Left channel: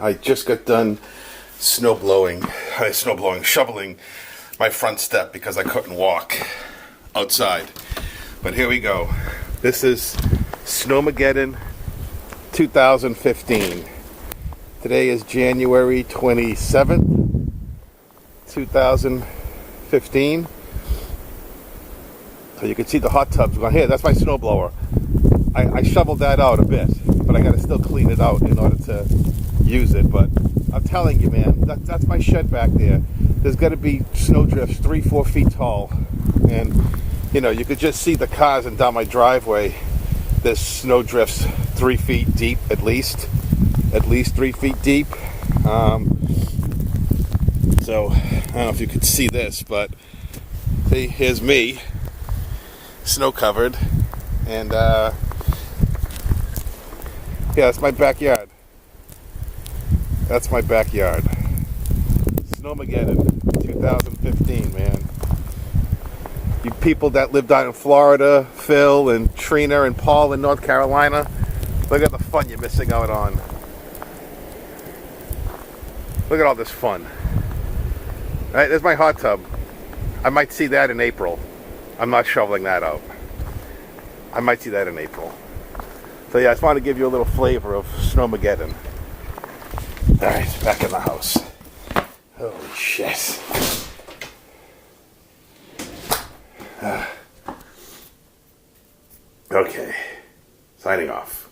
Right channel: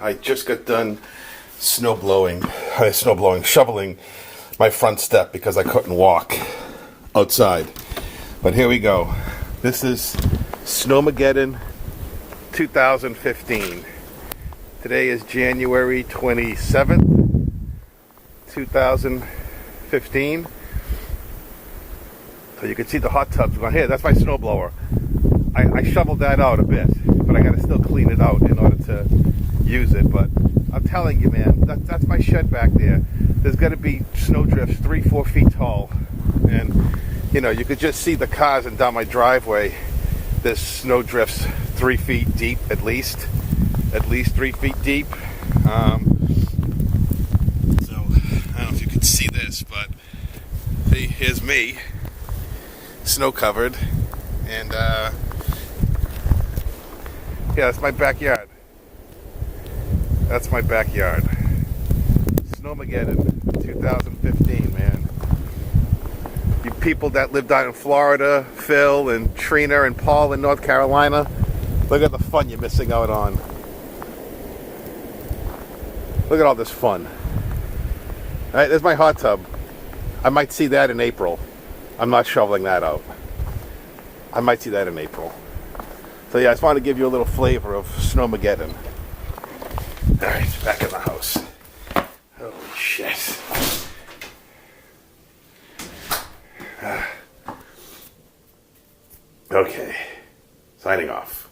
I just got done shoveling my front step because I couldn't walk outside. But here we go. This is Snowmageddon 2015. Today is January 27th, 2015. So you can see the hot tubs going here. That's my snowblower. I shoveled that out a bit, but I got to still clean it out in order to use it. But I'm telling you, man, that's my shed back there. There's got to be snow drifts 3-4 feet tall, and you know, you could just see the cars and down my driveway. There's snow drifts 3 feet deep, at least 3 feet deep. So I don't know if you could see this, but see, here's me, snow covered, and yeah, that's my backyard. That's my backyard. Snowmageddon 2015, man. You people that lived out in Florida, Phil and Trina and Paul in North Carolina, look at the fun you're missing out on. Look at all this fun. All right, there's my hot tub. I might see that in April. I'm not shoveling that out. I might see that in April. So yeah, I just wanted to give you a little flavor of Snowmageddon. All right, back in the house. Holy shit. Okay, signing off.